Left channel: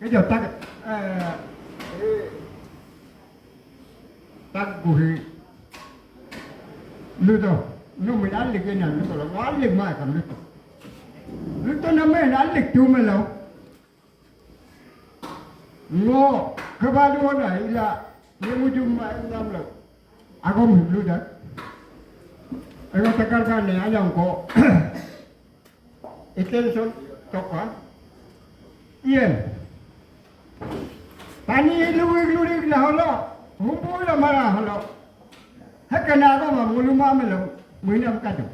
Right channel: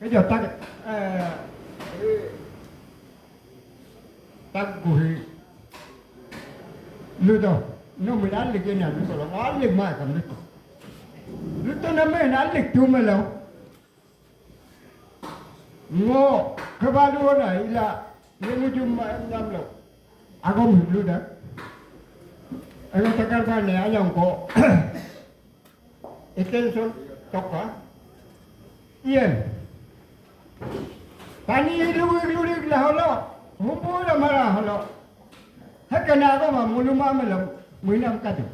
cái giờ ta bùi nước đâu nó mới đánh được cái nào nó là nó ăn được mà cầm nước nước tôi nó mới ăn được chú mày đâu ngô cái ba đứa này là những chú mà em làm được à không hiểu được đấy anh ta cái cái này anh làm có extension tóc hả yên tani lu là holo humbo là mà là holo hết cái nào đó mà mulu mà là 10 năm cả được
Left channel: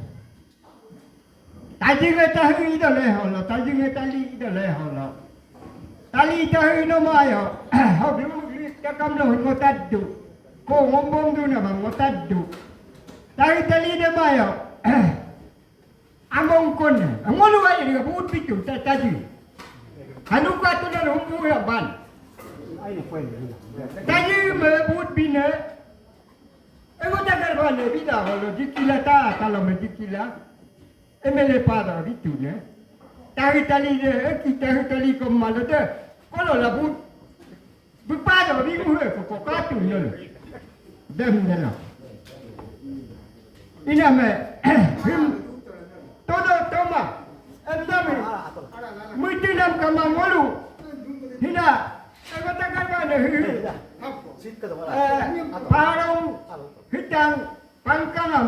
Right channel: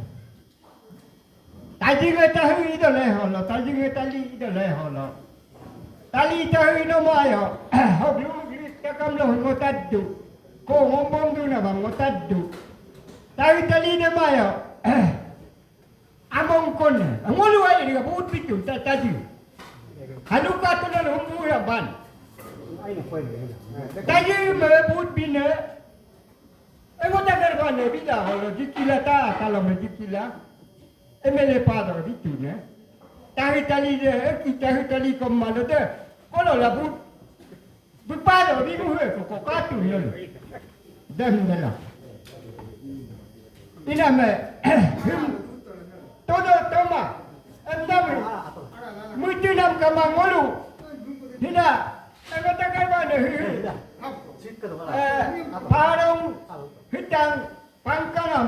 tại vì người ta hơi đó là holo tại vì người ta li đó là holo tali ta hơi nó mà yo học lu ta cầm lo holo ta du ko hombong du na bang ta du tali de mà yo among kon ngolu ai ni buat pitu ta tadi haluka tu na humbo la ban tadi buat bina ego ta garba ne bida holo dikila ta kalau dikila emele pada itu ne tali je kita tali kemana tu kalau la buat pada di luar ko ka tu ne dan dana ina me todo toma andame muitu nam kamang ngolu hina ego ta garba ne parang hitang pangkalam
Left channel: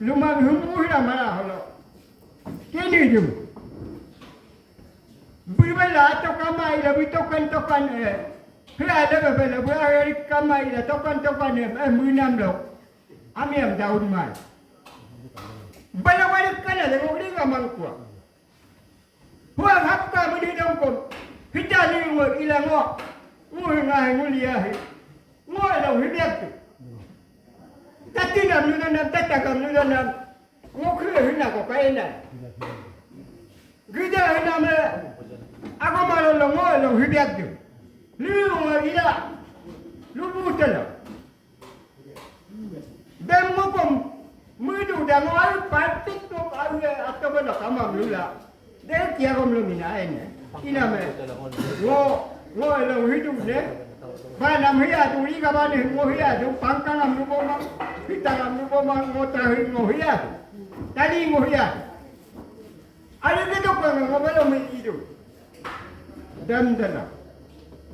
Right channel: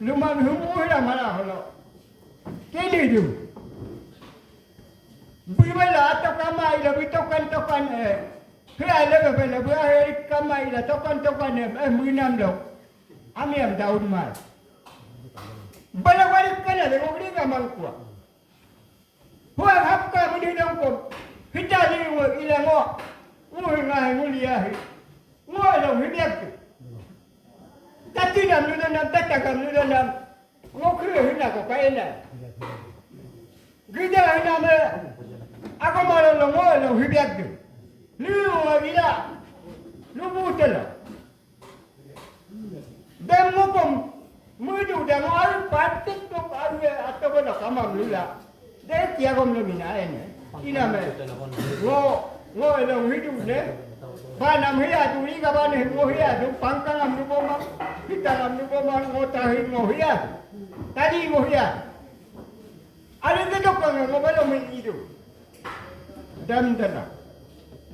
lumang humuhira mana holo kini ju berbela atau kamai la tokan hia le bela bela kamai la tokan munam lo amiam daun mai bala wali kana le ngori kamang kwa huwa hapka mudi dongkom hita ni ngo ila ngo ngoi ngai nguli ya ngoi lo hibiak tati nam ni nam tata kam ni nam ngokre hina ko kaina gida hina me ako malo lo ngoi lo hibiak ni ngo ila lu butela dem ngokom mudu da ngoi patik ko ane atau bana kamam lula de tia kom lo mina ene ina me ngo lo hidu ne bana hiya tu ni ka bana ngo hiya tu pangkang am lu boma kita am lu boma ngo ta ngo hiya tadi ngo hiya ada ke to ko ngo balo me idu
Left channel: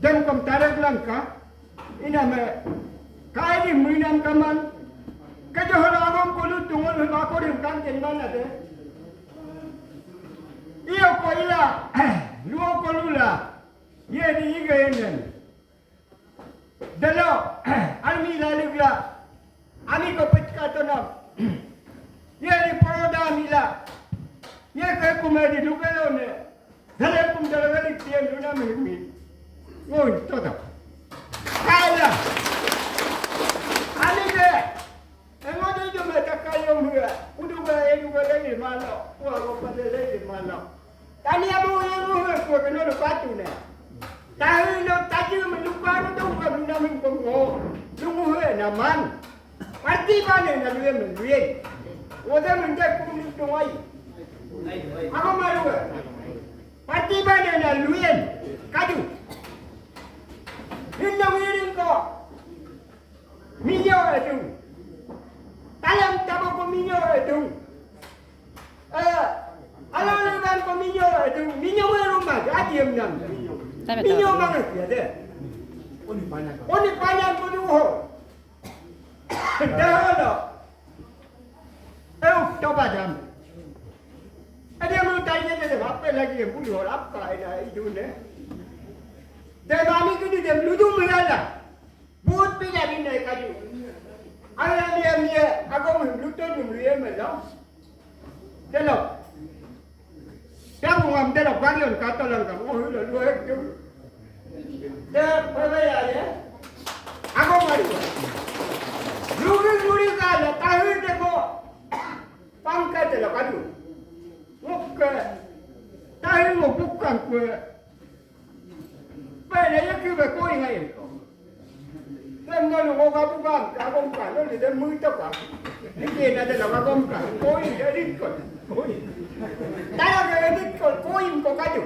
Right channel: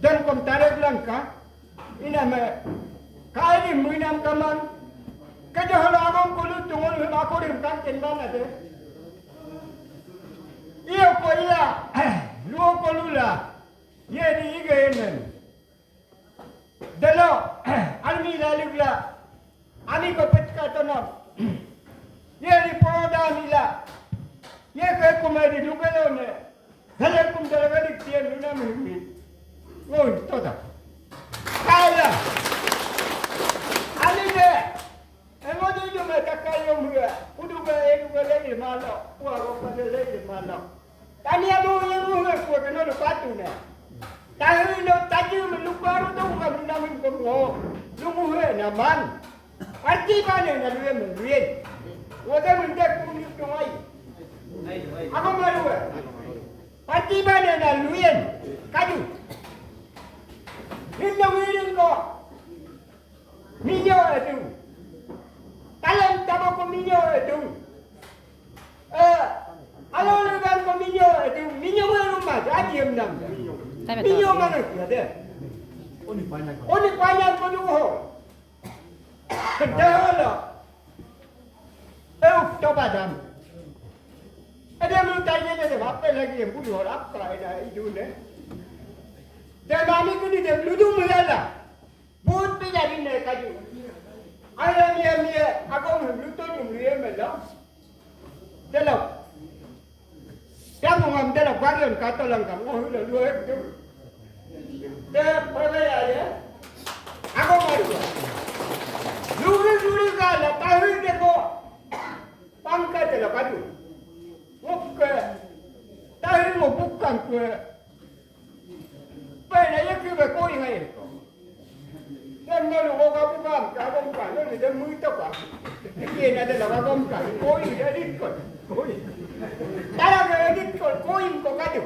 dan kom tarik langka ina me kai ni muinam kaman ka jo halo agom ko lu tu ngol ma ko rim kan ten mana de iyo ko ila lu ko lula ye ni ige enen dalo almi lalugla ami ko petka tono ye ni poda mila ye ko me di dugalo ne dale kum dalo ri tien luna mi ngoi toda kaya ali de eno de jo me takayo mga uduga le malo wa ro pa le malo tani abu ye mo ko no lo patu ne tahu lo tadi melukaru tu kami nama ko lungu he naman arti bane na luye luye oda mende ko ni to ai ako maru arti bane na luye kadu hinna wirin ko minyo edu talam tabo ko minyo edu alo lugan ko minyo wiru ma adiem nam minyo mana dia de oni banyak ko nuho deholo coba dam ada mu tanya de apa lagi yang bulu apa itu ne dan mami ko de ludu melala but pe jadi ne kaju ayam dia aku lutu jum liye melo delo Jangan ngam delo varian kata lang kamu hulu lu de provaya ya aku mari luri kala tahu de ko pangkat de kaju ngok tahu mo bukan ko pele ya ku be ko ingai ko dan malu ko bukan ka lo de mu to ka ni na de la ka ko jadi ko Tara ke edit ko koin ko kaju.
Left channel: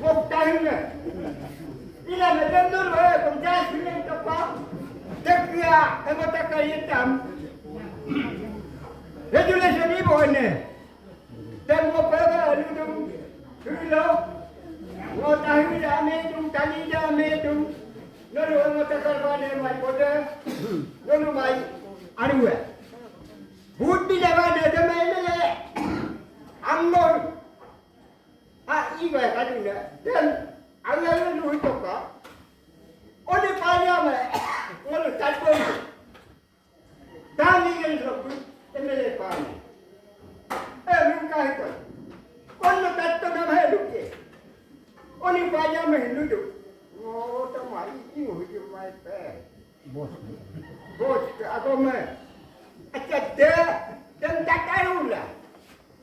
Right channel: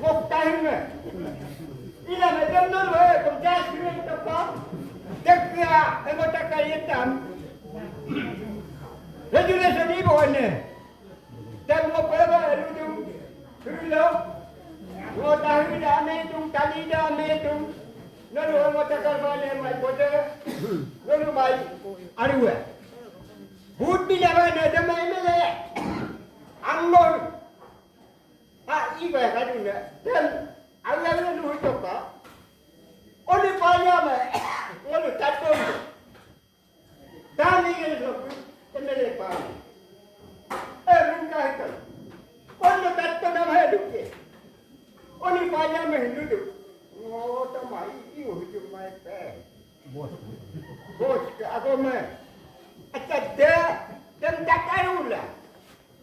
Ngok tahu ne. Amiga, hemos tacado yetam. Regular seni boleh. Dan mo para lu Hilo, mo tahu ame tung tali ame tung, nolu mo takar bale mai boda, nolu mai aruwe. Bud bi jawa ada mai mele, angor, iba kaduna. Dan Allah lu coba, oleh payah me, nolu takut. Tani yang tu, mele payah. Minta itu. Kalau betul memang hidup je. Oni banyak menghidup. Oh, tamai ini hidup mai pe. Bos ke agama. Acak dah dan tak tahu lah.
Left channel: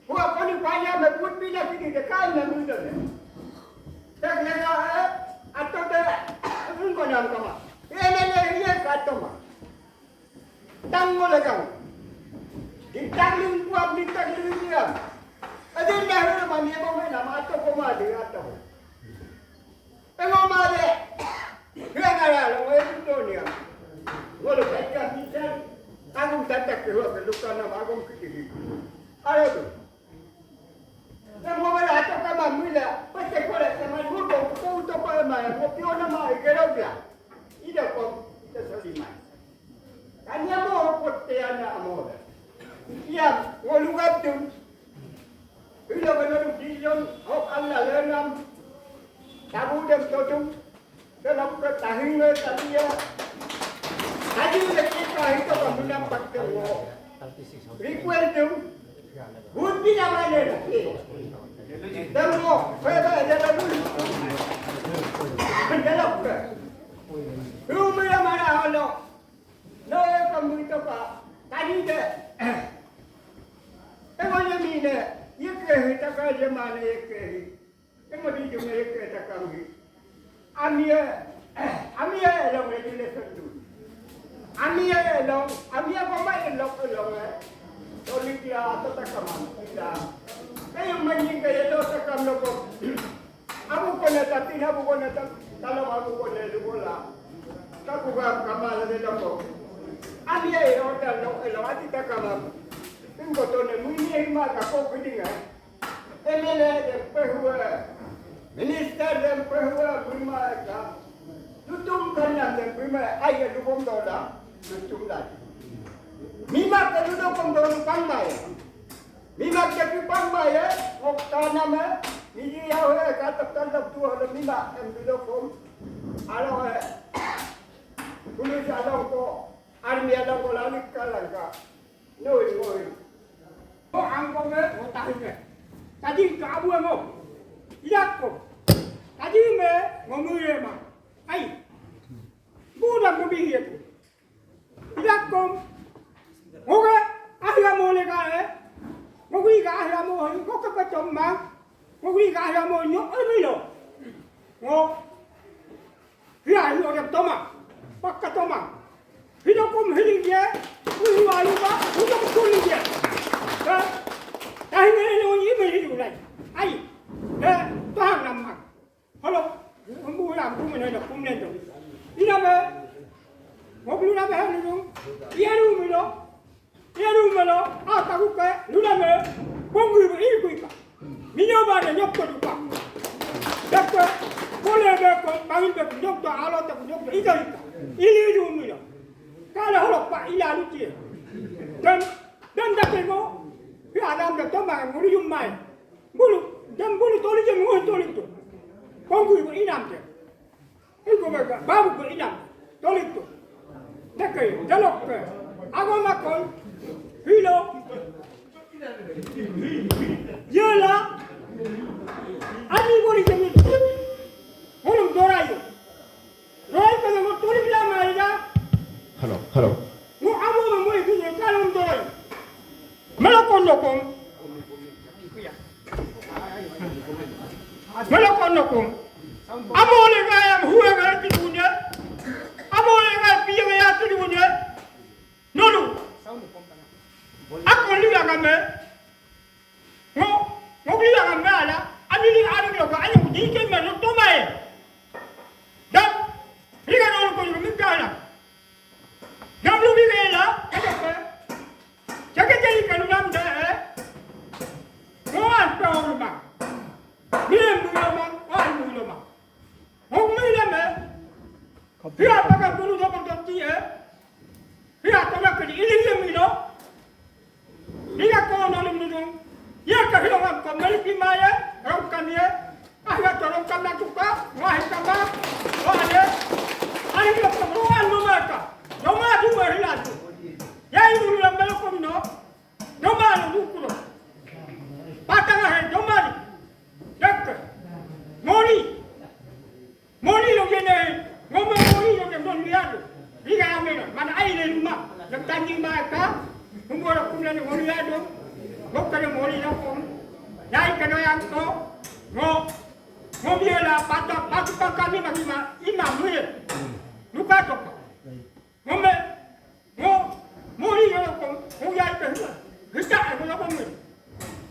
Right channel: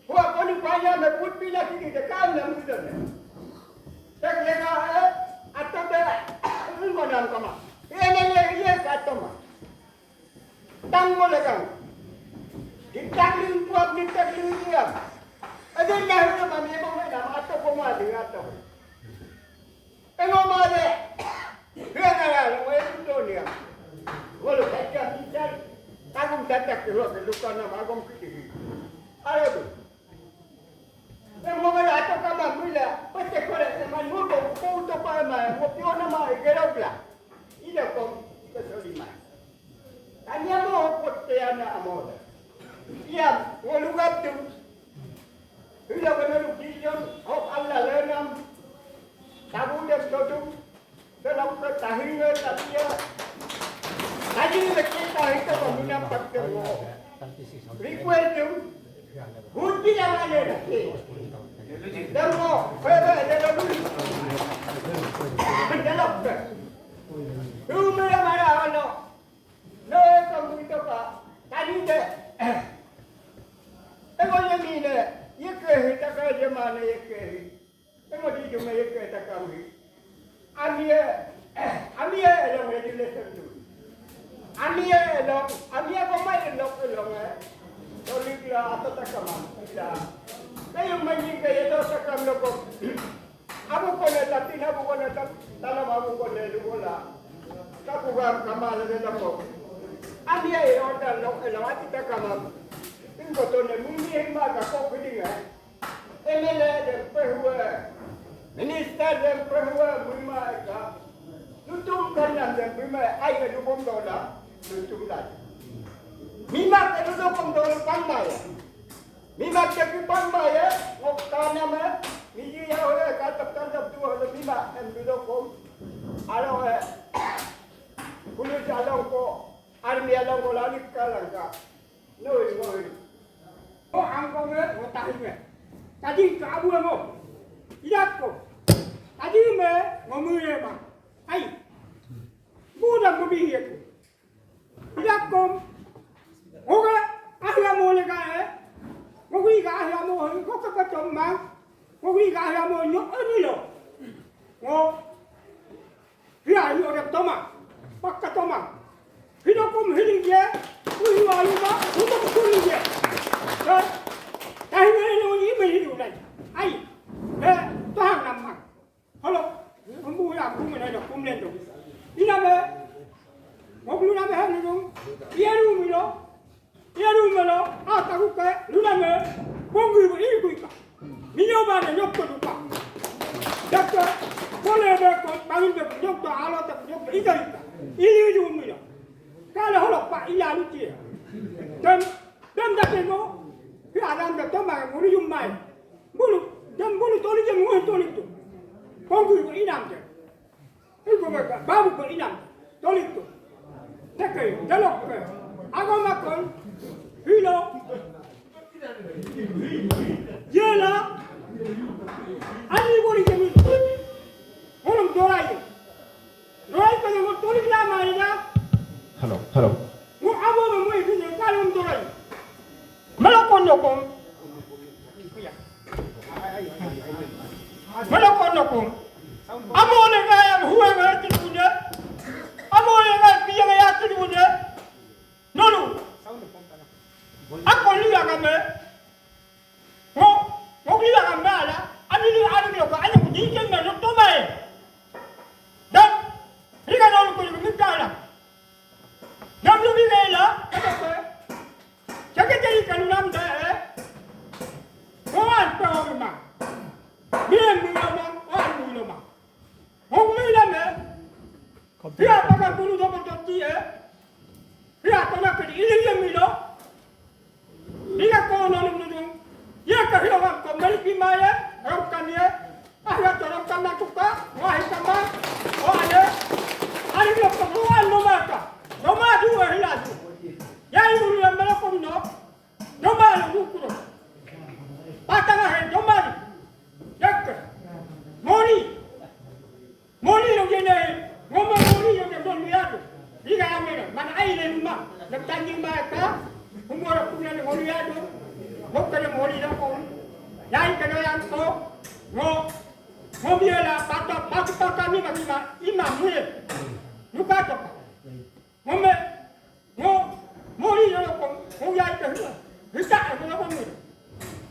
Buat oni banyak membut bila kini dekat nak muda. Tak lena atau dah enggak nam kama. Ini kata mah. Tanggo legang. Ditangling buat ditangling dia. Ada nak mana yang mana nama atau koma dia atau. Tengok mana. Dia nak lalu itu dunia. Walau saya tidak, aku tak keluar luka nama aku kiri. Ada tu. Tengok mana atau kama mula. Pasti korek semai buku tu pada mana. Kopi nama kerap lah. Ida kau kita soliman. Hanya mau pote anak amoda. Ia ngolugap tu. Bila benar dijon, hok Allah lenam, tabu dan jodoh dalam ketahingan dia. Tadi kita itu mengenam patero. Request tu, budi nama dia. Demo, fera dia dulu. Menjelak tu. Rumah mana awak? No, kamu itu pak. Tadi dia. Tengok yang ni dia. Ia kehit takkan zaman ia kehit. Tengok di dunia ia kehit takkan ni. Amia elong regulation tu. Amia komai elong Toli dia atau takkan tidak. Kayu main kaya tu takkan loko. Aku kena tapi aku kena tanam aku kena lupa. Aku kamal ada jambu. Amia elong ati takkan. Tengok tu ni mungkin mak kau kedinga. MLA dan perhua, minister dan perhua prima ka. Tutum kanan dan prima ayah dukung dola, tutum lagi. Mima keduduk dola pangmai. Mima keduduk pangmai, okta nama, miji awak kata tandap tu ada mima yang duduk alo kuno jalan ko, army jalan ko lagi kalang ka. Noi. Oh, angkong mo tahinga. Tadi kabu mo. Iyak ko. Tadi mo mule ma. Ai. Budak mo bihi ko. Iyak ko. Oga, ahya mo le ka Mo wi ka ahya mo ko ka tom ma. Mo wi ka ahya mo nyo ani lo. Mo. Hiya yo ra toma. Pakka toma. Hidokum hiling je. Ui ayu ba. Udam kuli je. Tahu ni orang ini beri jualan. Ai, tuhan nama. Halo, kamu yang kamu mana dah kamu lento. Ini apa? Mobil apa hari ni? Dia rumah lo. Tahu ke? Lu nama? Bonggu ini kuika. Minyak ada nyok tu juga. Doktor, boleh berkau panggil berkau nyok tu alat tu nyok tu ika. Ini rumah lo. Kalau holok pak ilah lucu. Dan dah tengok. Adam dah tambah mulu jumai, bulu toli je mulu toli tu, konggu itu inam je, itu mereka babu itu inam, toli tu, dekai, jalok ke, agak makan, hilo, jela, ani boleh jadi, orang dorai tu yang toli nama aja, hello, mu abu mu itu yang kalau dorai. Melakon nokong, amo le kaya huwa ngerti punya, amo le kaya piang ya tu punya, nono, aku lihat kami, ngok lihat kami ada, ani lihat ada juga, ani jikin mana tu mai, dah, ini kan orang kau juga mikir lah, dah. Dia pakai bulu dua berjanji dia tolak ke ini milo. Dia kau nolong dulu. Dia kehilangan kembali pimaya orang kania. Ahya orang kana tuka wahai kama wahai. Hari dia perluan nomaka. Noma dua hilang. Ya ibu yang belakang no. Noma lu kuro. Patang ahai noma. Dek. Moni lo gene. Ngomong moni lo gene don liado. Liga amena mana aile rumah. Dak tanjing maka. Umur aku ni moni liado. Kau kena moni lo kon. Yai kena yang ko. Ngo biela patah kami bagi imam ni. Lupa tu. Moni lo kon. Ngo yai kena. Hitak aku lo kon.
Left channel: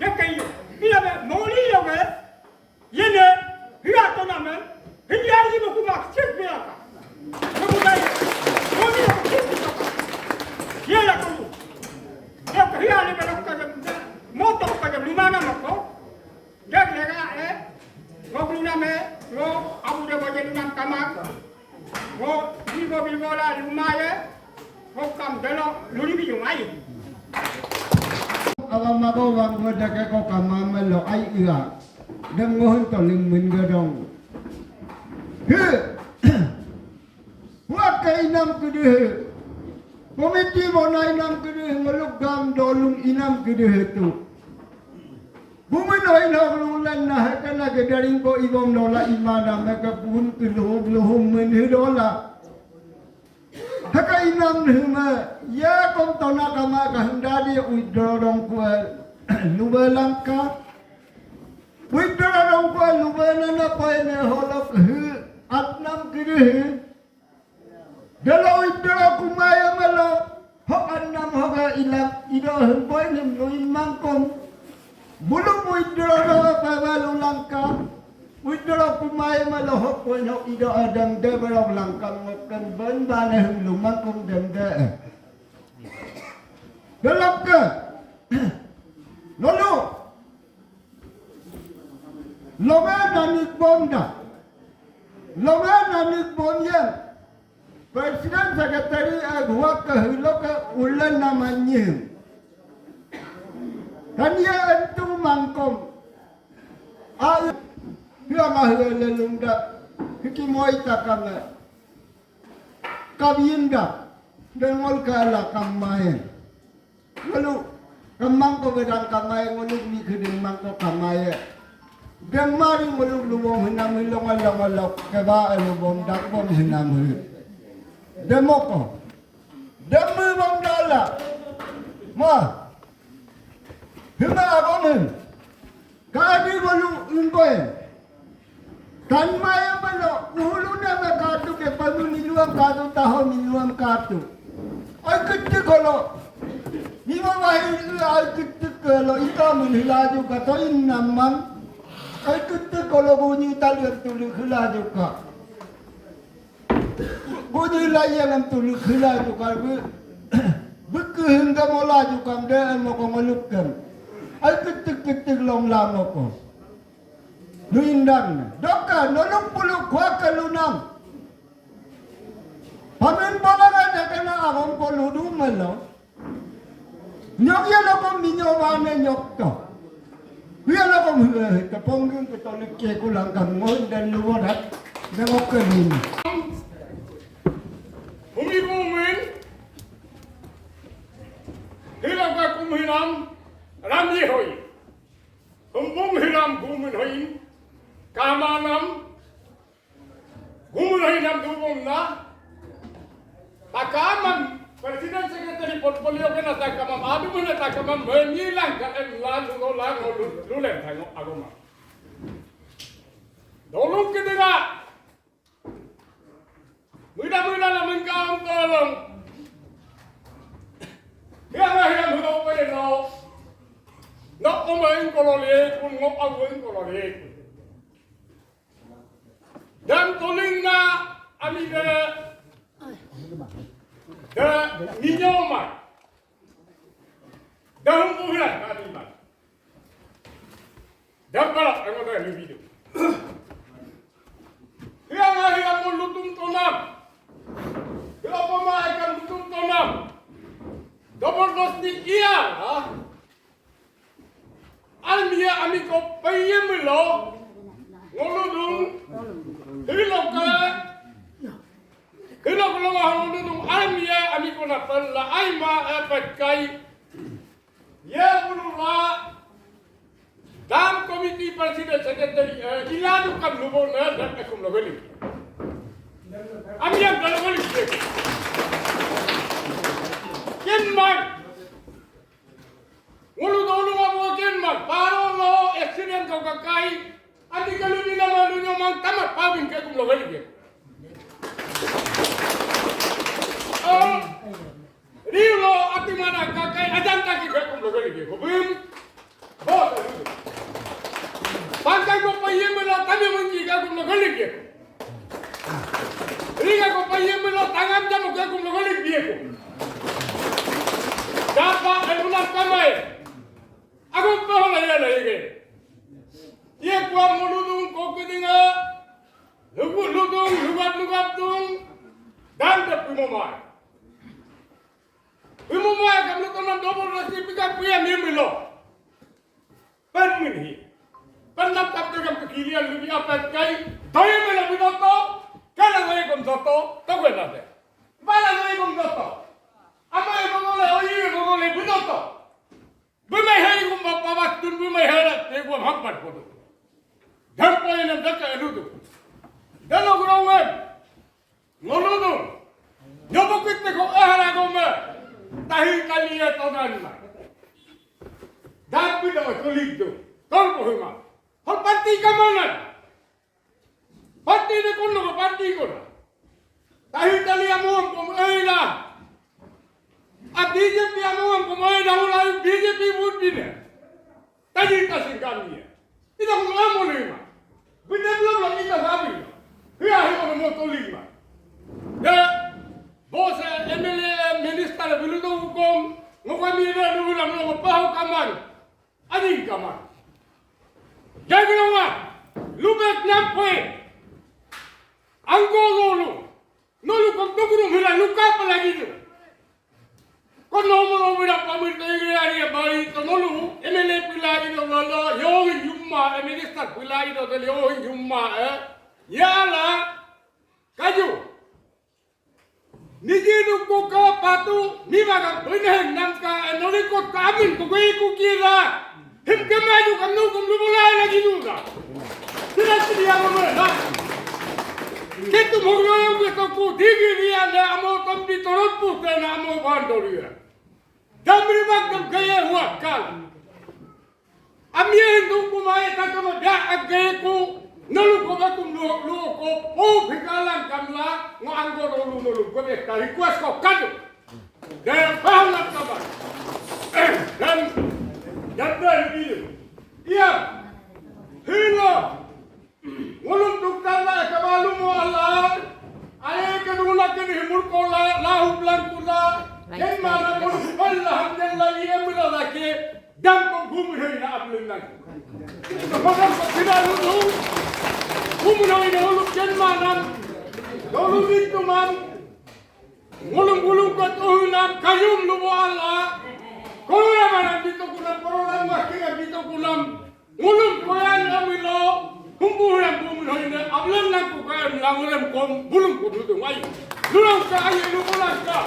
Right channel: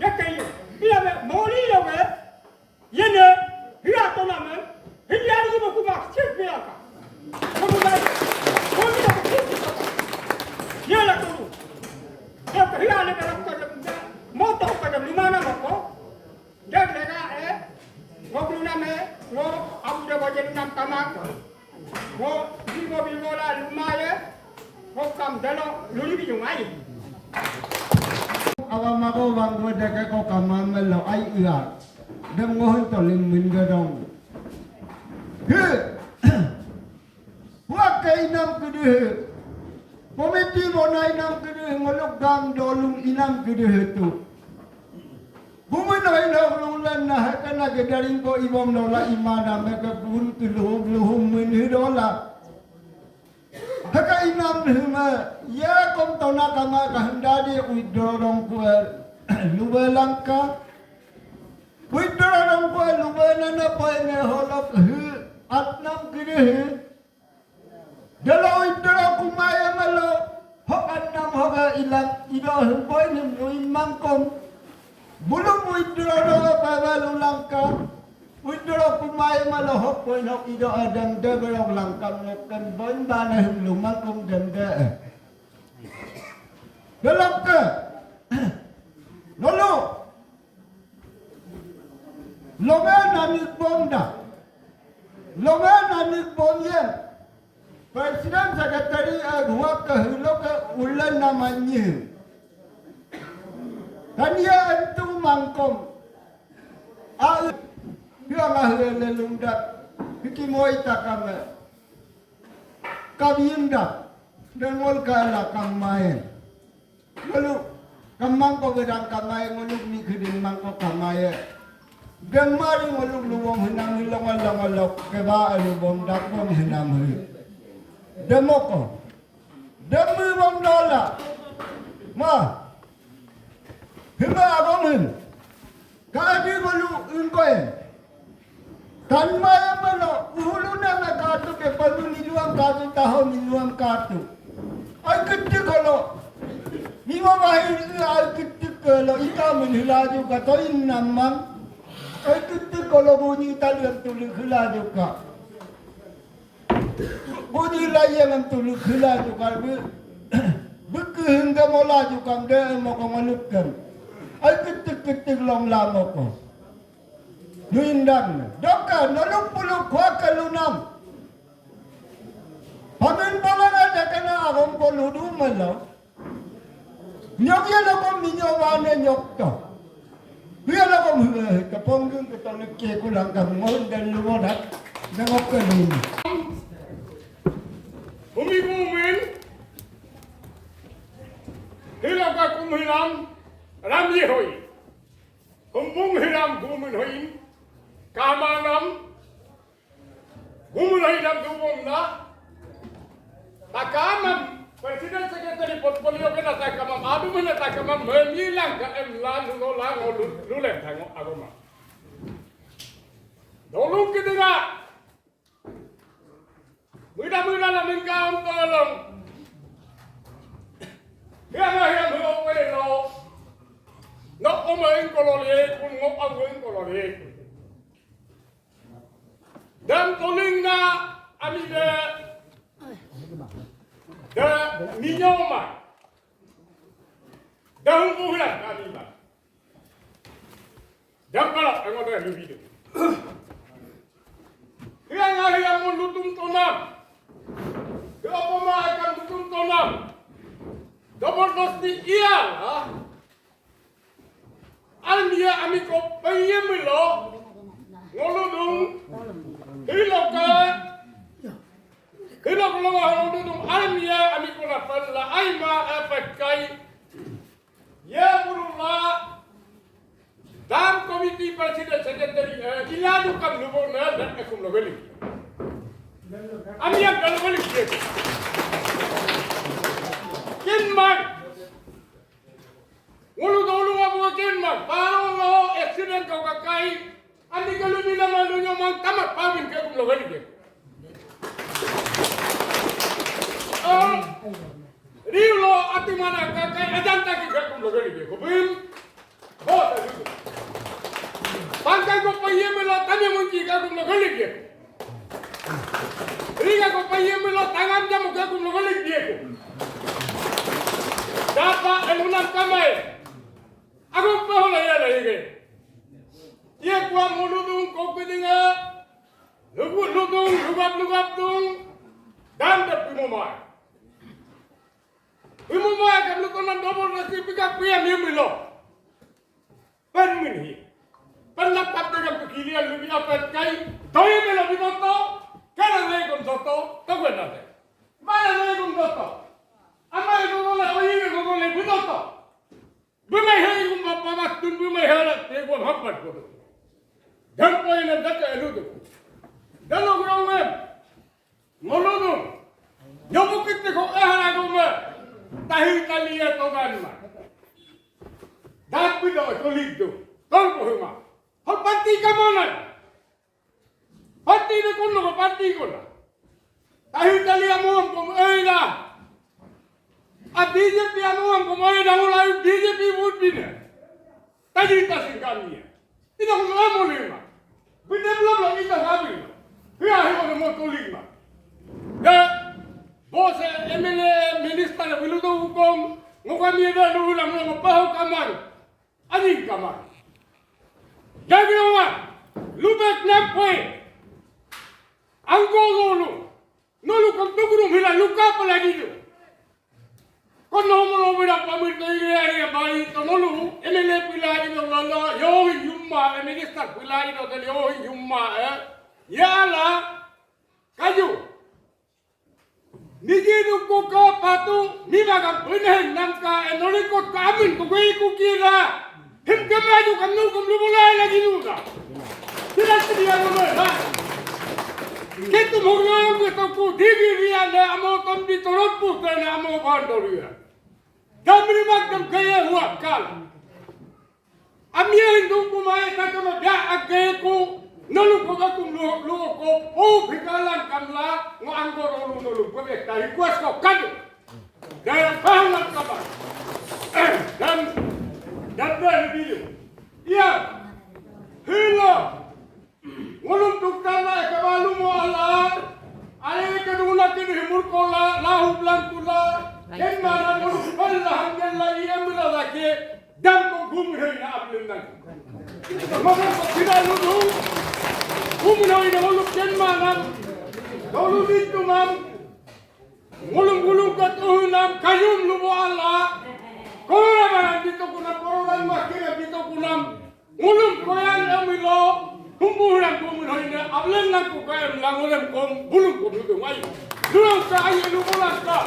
Ya kayu. Bila moni lo ke. Yene. Hiya tu nama. Hiya ni mau kumak cek biarkan. Kemudian, moni lo cek biarkan. Dia lah tu. Dia hiya ni kalau kerja motor kerja di mana nak? Dia lega ngok nama ngok abu dia baca nama kamar. Ngok bigo lah rumah ngok kam dalo luri bijung air. Awak mahu bang muda kau kamar melo air iya. Dengoh toling minggadong. Buat kainam kedua. Komiti bona inam kedua ngeluk gam dolung inam kedua tu. Bumi noi ulan nah kena kedaring ko ibom dola imana mereka pun keluh menhidola. Haka inam huma ya kom tona kama kahendadi uidorong kual lubalangka. Uidorong kual lubalana poine holok atnam kiri. Dalam uidorong kumaya malo hok anam hoka ilang idoh poine luin mangkom. Bulu uidorong pagal ulangka. Uidorong kumaya malo hok poine hok ido adang deberong langkang ngokan ban baneh lumangkom ganda. Dalam ke lalu longan nanik bomda. Longan nanik bomnya. Presiden Sekretari Agwa kehulok ke ulan namanya. Dan dia itu mangkom. Dia mahu lelundak. Hikimoi takanga. Kabinda. Dengol kala kamai. Lalu kamang ko gedang kamai nguluk ni kedeng mangko kamai. Deng mari nguluk luwong hinam hilong keba alubom dakbom hinam hi. Demoko. Demi bom dola. Ma. Hima agom. Kadi golu ingkoy. Tanmaya balo uhulu na katu ke pamiluam katu taho miluam katu. Ay kitti golo. Ni mawahir ay kitti golo ita minhilaju kato innamam. Ay kitti golo bunyi talian tuli khilaju ka. Bunyi layang tuli khilaju ka. Buku hingga molaju kam de mo ko ngalukkan. Ay kitti long lamo ko. Duindang, doka nolong puluh kuat kalunam. Pamin balang ada kena agong poludu malo. Nyok ya lagom minyawane nyok to. Dia lagom teponggung ketolik ke kulang kamon dan lumodat nangok kelin. Bumi bumin, hilang kakum hilang, ramji hoi. Kumbung hilang bumin hoi. Kamanam, gumulay ng tubong na, takamam, Presiden Sekretari Portfolio ka na takamam, ado mo na takamam, menyilang ka emlan, lulen tayo agama. Dolong kita nga, muda namin ka ang tolong. Hiyang huwag no, nok kumain kololiye, kung ngok awin kololiye. Dan tuling na ami de minyoma dahung bulan kami man dan balak ang ada video yang hari yang mulutung tonam Apa mah akan tutup tonam? Double dos ni ia lah. Almia amiko payemelo. Ngoludung. Hiloka. Hilok lo ngoludung almia amiko na pala aima epakai. Ya bulula. Dan komiti presiden sekretari iladu kam lubor na dan akum logeli. Amia kalau logeli. Kenman. Ulu abo kenman. Paro lo accident kau kakai. Andi kalau di nama dunia mang tamat pabin ke kum logeli dia. Rilo ati mana kakai ajan taki ke kum logeli dia. Kubim. Oh, itu. Bangkai ko payemelo kami munci ke kum logeli dia. Riga ko payemelo tangam jamu ke kum logeli dia. Dapat elulan kamai. Aku tahu lah ya lagi. Ia kuat meludung kopi tinggal. Lugap tung. Dan terpimumai. Pimumai kamu tonton double nasi pika pia nimbilo. Penmini. Pendapat dengan kekirian lebih apa kai. Daya melo binoto. Karena saya konsoto. Tahu enggak? Mana saya konsoto? Apa yang kau boleh oyi kau boleh binoto. Bumai hari kau bapak tun bumai hari tu kau hampat kodo. Dan poin yang dekat itu tu. Dan orang web, ngolono, nyobok kita kau hari kau mer, tahi kalian tahu kan mar. Dan tidak kulit tu, kau bohong. Kau parti kemana? Parti ni kau nak parti kau lah. Tahi kalian mau kau lah. BJP anuang kumain dahulu BJP budina. Tadi tasing kami ya. Kita ngomong lima. Benar belum kita habis. Dia hanya mau tolima. Ya, bos MLA minister bilu tu hukum. Ngomong dia dulu nak pahau kamar. Ading kamar. Jadi orang, lubek nampai. Angkor nolu kau tu guru hilang luka apa lagi tu? Kau nombor berapa pamit ini bayi tu nolu MLA pilih itu lala yohi jumma minister pilih itu tu yohi jumma ya lah kaju niji tu kau patu ni bagai benih nangka nolu kau kamin kau kira him kemaju kamu boleh lagi juga tidak sedia mana kita mungkin kita ku digi dia le amo tamdi torot putra na amo bandoria. Damri magam gaya huwa kal. Amya hindu kumai takama dia agay ku nalu ko batum lu ko o bikalan kamla ngo anggor lu ko be ta request ko kadu. Dan paham nak kabar. Dan video. Iya. Hilo. Walun tuktala kabalu mo Allah. Ay kadula kini himur kola lahu blankula. Ken mana mo Allah hamdallah yamla lake dam ko gumre na ablin nak. Magam ko kinalu du. Gumre na ulu ken mana. Dolu bitu man. Ngulung ko tuhunan kayum lu mo Allah. Kora mana bitu kuna korolan makina bitu kunam. Ngulung ko yan amilo. Kumpulan ini ablan nak kukai languran kom bulung kudu mai. Dulu saya lupa lah.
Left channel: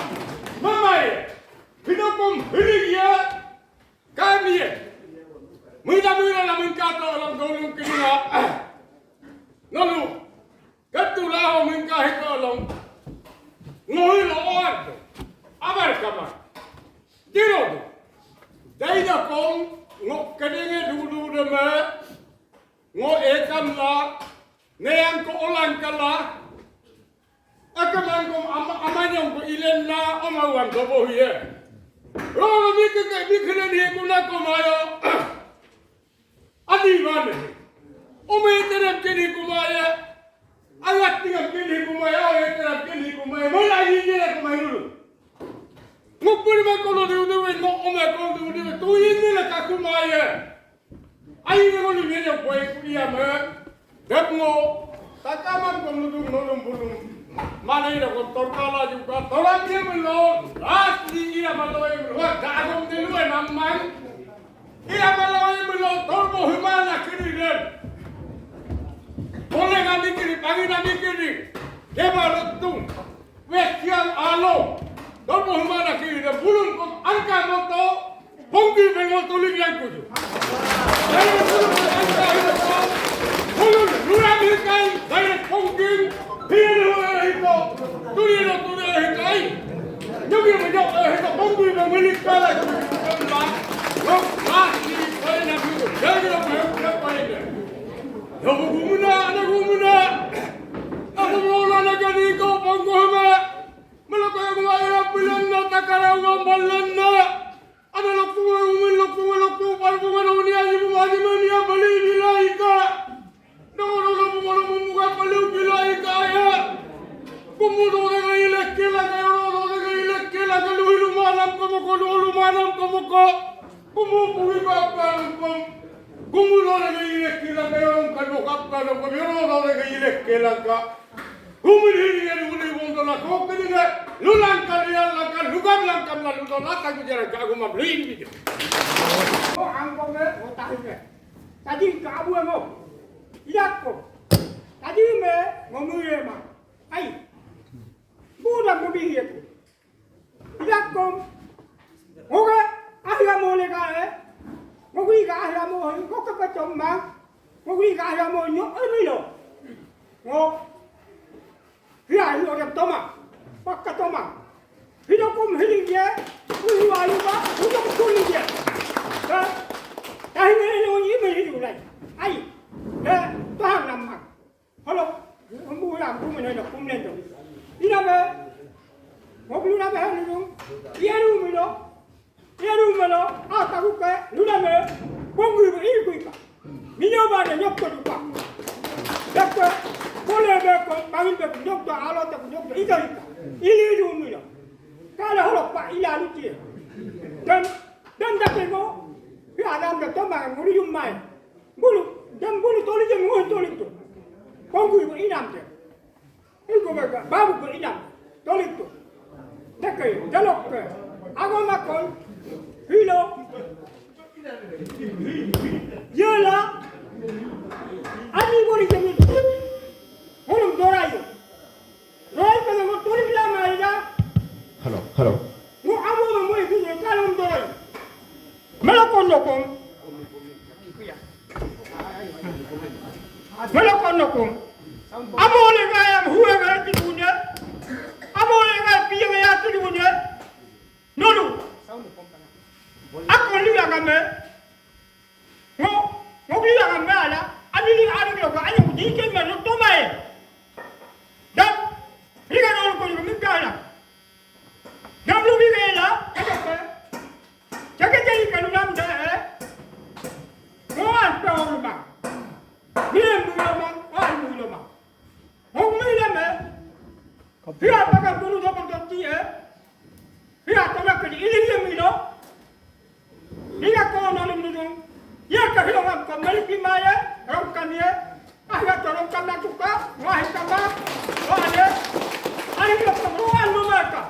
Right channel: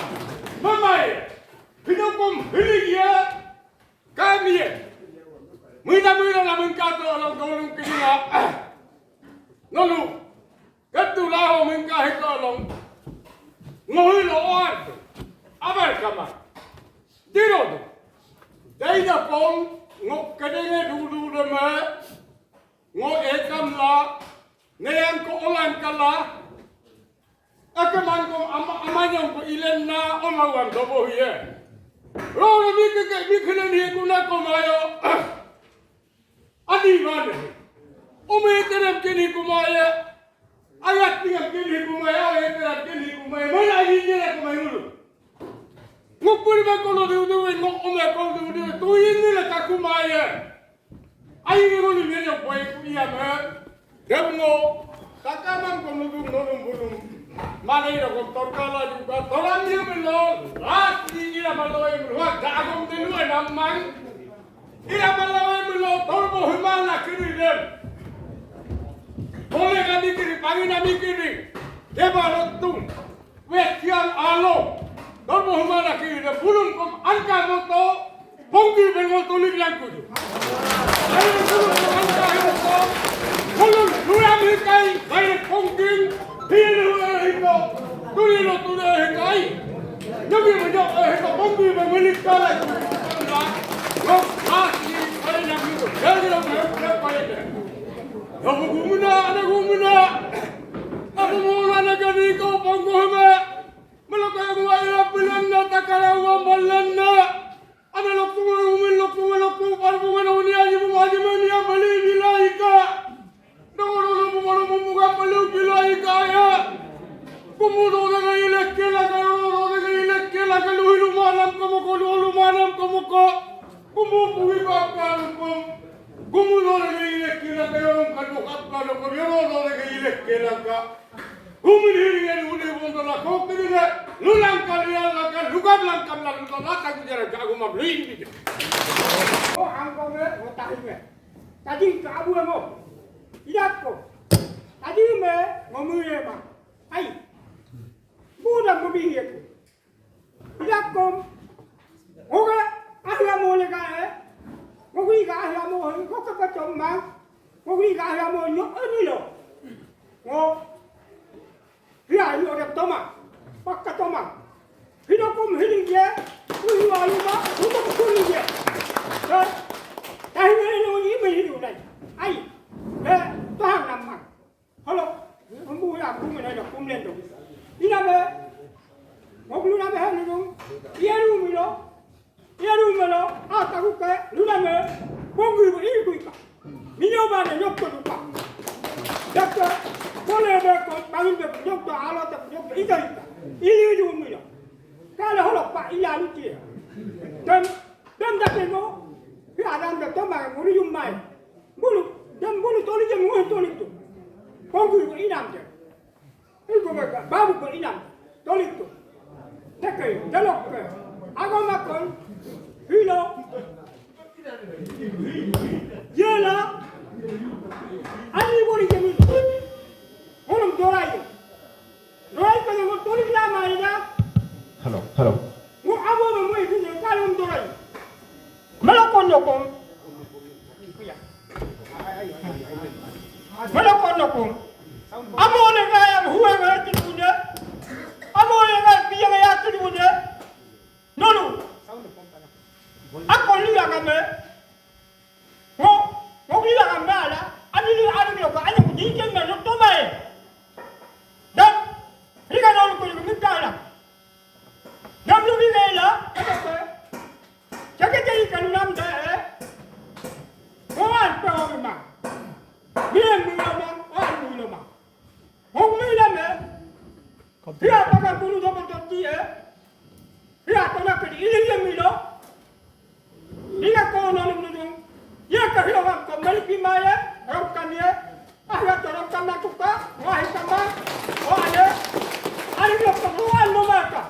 Mamai, kita kom hirigia kami. Mula lah minta tu orang orang kira. Lalu, ketulah orang minta itu orang. Ngoi loar tu, abar kamar. Diro tu, jadi dah kom ngok kadangnya dulu dah ngo ekam la neyan ko olan kala akaman ko amanyong ko ilen na omawan dobo hiye rolo bikene ni ko na ko mayo adi mane ome terap kini ko maya ayat tingam kini ko maya ayat terap kini ko maya mala ni ko mayo ngopur ba ko lo du ngo ome ko du tu yin la ka ko maya Ayo ni boleh ni jauh boleh kuliah mer, demo, takaman kamu tu nolong bulung Mana ina kontor kala juga tolong dia belum. Lagi ia malawai belum. Dagom dulu namang. Ia malawai belum. Tol bohimana kini dem. Boleh nanti kini pagi nanti kini. Deba lotung. Westian alo. Tol bohimana kini dem. Bulun kom angka moto. Bonggi bengol tulik yang kudu. Saya bulun kom angka moto. Bulun nuram hikai. Saya bonggi. Hidup itu, tulis hikai. Jadi banyak hidup bangui bangui kala itu. Lok pasti kali nak itu. Jadi orang kali itu. Yang gumuna. Aku mau nak jadi kau bangui. Melakukan gua ia bilang nak takara gua malan nak. Ada lokku parbu mana unia ibu wajib mana beli nilai ka. Nongol muka beli nilai ka ya. Kumudo na ilek kila luhilu manam kamu ko. Kumupuwi ka kalupam. Kumudo na ilek kila kayo kadukap kadukap na ilek kila ka. Kumiliri yan uli mundo na ko kini lulang kalian akan lugam lang kamla luto nata kujara jago mabluin gitu. Oh angkong tahin tadi kabu mo. Idak ko. Tadi ngomure ma. Ai. Budak berbihi aku. Tidak kom. Oke, ahya mo le ka Ngui ka ahya mo ko ka chomma. Ngui ka ahya mo nyok ni lo. Ngo. Hia yo rap toma. Pakka toma. Hidup kom hiling je. Ui ayu ba, udah kuli je. Ha? Tahi ni lo ni me hidu lai. Ai. Tuhan nama. Halo. Ambu ya, ambu mana dah kum lendo. Ina be, mobil na be hani dong. Iaru milo. Ata kuke, luna be, bongu be ini kuika. Minyo ba ne nyok ko duka. Dakka, boleh be ko, bangin be nyok do alo ta nyok do ika. Ini du milo. Kala holo pa ila luti. Dan dape mo. Ya adam da toma nguri yumai. Bulu toli je ngoi toli tu. Bongu be inam je. Itu mereka babu berinam, tolik tu, tekai, jalok ke, agama kau, hilo, jela, ani boleh jadi, orang dorai kalau mau tolik lama aja. Halo. Mau abu mau itu je kalau dorai, melakon dokong, Amo le kaya huwa ga ti bunde. Amo le ga piya ga ya ti bunde. Nono. Ako ni ga me. Mo ni ga me ala. Ani ni ala ga ani ku di ke me no to mai. Da. Ni ga no ko ni mi ka ala. Da lu bi ga la. Jaga jadi kan nam da. Mo an ta ma. Ni mu ma. Dia pakai bulu double ganti Dia tolak ke ini milo. Dia kau nolong dulu. Dia kehilangan kembali di mana? Orang dia. Ahya orang kan nak tukar. Wahai tambah. Wahai. Hari dia keperluan mereka.